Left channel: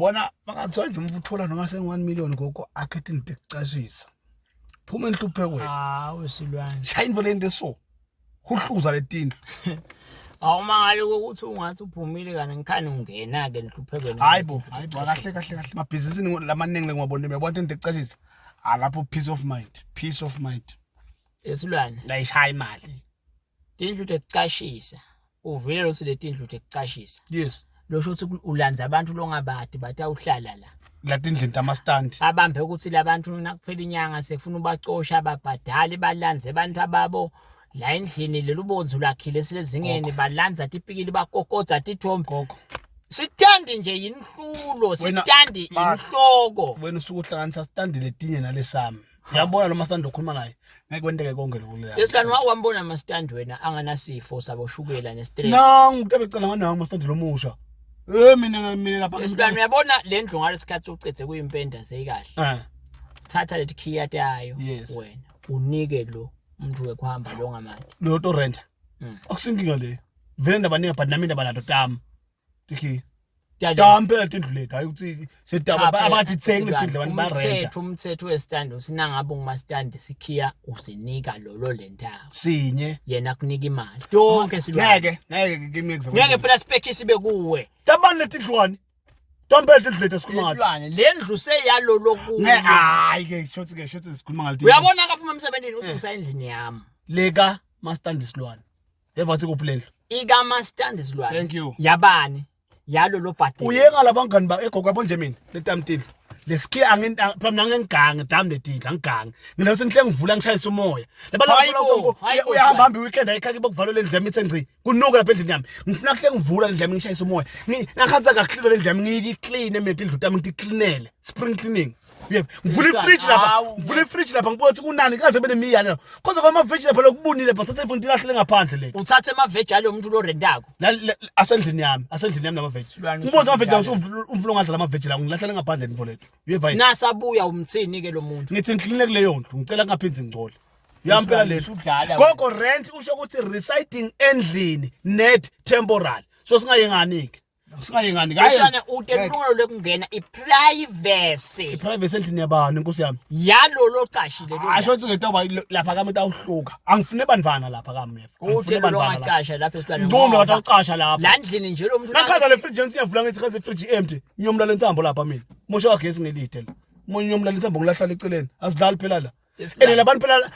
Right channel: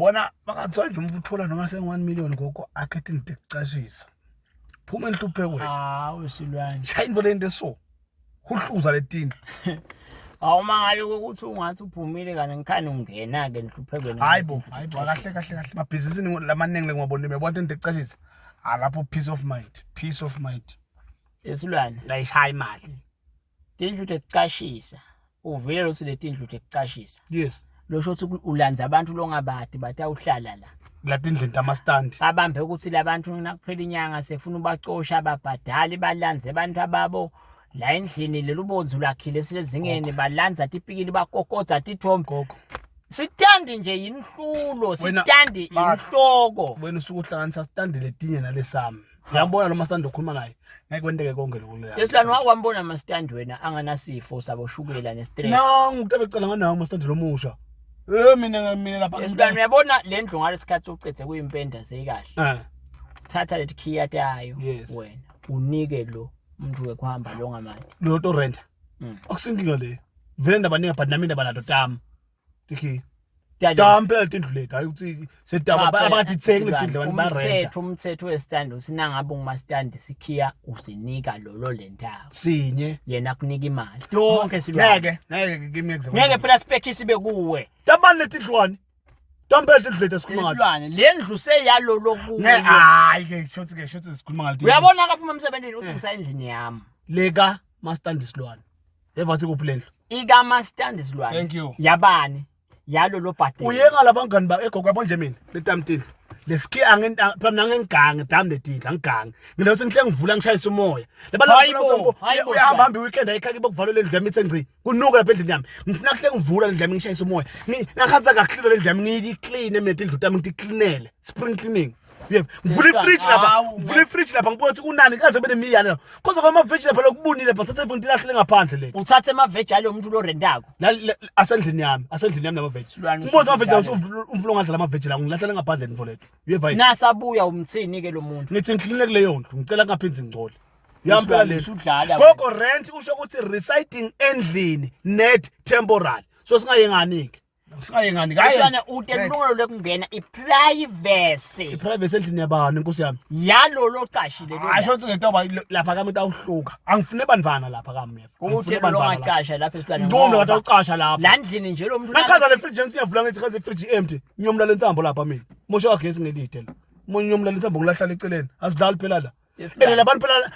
bona bangathiwa nje umuntu uthola noma se1 million Gogo akhethe into ekucashisa phuma enhlupheko hawu silwane shayini lento so uhluza letindlu awumangale ukuthi ungathi uphumile kana ngikhani ungena ke enhluphekweni hayibo kahle mabhizinisini lamaningi ngiwabona mebona into ekucashisa lapho peace of mind esilwane la ishaya imali tindlu tekucashisa uvile lo silethindlu tekucashisa yes lo shothi ulanza abantu longabadi bathi awuhlala la tindlu ama stand abambe ukuthi labantu nakuphela inyanga sekufuna ubacosha ababhadali balanze abantu ababo la endlini lelo bonzi lakhile silezingene balanza tipikili bakokotsa tithombo sitandi nje yinhlulo sitandi inhloko wena usukuhlanganisa stand letinye nalesami uyabona lo stand okhuluma ngaye ngeke kwenteke konke lokho la yesilwane wakwambona ama stand wena anganasifo saboshukela nestress ngitebe cela nganawo ama stand lomusha mina lapha yesilwane uyabona le ndlu ngalesikhathi ucethe kuyimpenda seyikahle thatha lethi khiyati yayo wena unike lo umuntu wekuhamba lo ngamanje lo to rent akusinkinga le vele ndabaningi but nami ndabanado tami dikhi phela tindlu lethu hayi ukuthi sedaba abathi tsenga tindlu abantu ba rent umthetho westand usina ngabe nguma stand sikhiya usinika lo lentawo sinye yena kunika imali yonke silwane ngeke kimi ngeke phela spec sibe kuwe tabani letindlwane Tambele tindlu lethu sikhuluma ngayo isilwane le ndlu seyalo lokuwe hayi ke shothi sikhuluma ngayo uyabona kaphuma emsebenzini uthi ngisayendlini yami leka mastand isilwane evathi kuphi lendlu ika mastand isilwane thank you yabani yalo lo bhadela uyenga labangani ba egogo yabo nje mina letamtindlu lesikhi phela ngengange dami letindlu angigange mina sengihle ngivula ngishayisa umoya labantu uyahamba hambi weekend ayikhaki bokuvala lendlu yami ithi ngci kunuka lapha endlini yami ngifuna kuhle ngivula lendlu yami ngishayisa umoya ngakhanza kahle lendlu yami ngiyiclean mina indlu yami ngicleanele spring cleaning ngivula ifridge lapha ngibona ukuthi kunani kaze benemiyalo kodwa kwama veg lapha lokubunile bathatha ifunti lahle ngaphandle le uthathe ama veg alo umuntu lo rentako asendlini yami nama veg ngibona ama veg umfulo ngadla ama veg la ngilahlele ngaphandle mfolethu uyeva nasabuya umthini ke lo muntu ngithi ngiclean kuleyo ndlu ngicela ngaphinzi ngicole uyampela lethu Gogo rent usho ukuthi residing endlini net temporary so singayengani ke singayengani ayana utelungelo lekungena iprivacy endlini yabani inkosi yami yalo loqashile lo asho ukuthi ngetoba lapha kami awuhluka angifune bandvana lapha kami ngifune bandvana ngaqasha lapha esilwane ngomla bathi awuqasha lapha la ndlini nje lo muntu nakhaza le fridge ngiyavula ngithi khaza ifridge empty nyomla lensambo lapha mina mosho wagesi ngelithe la nyomla lensambo ngilahlala eceleni asidlali phela la labantu phela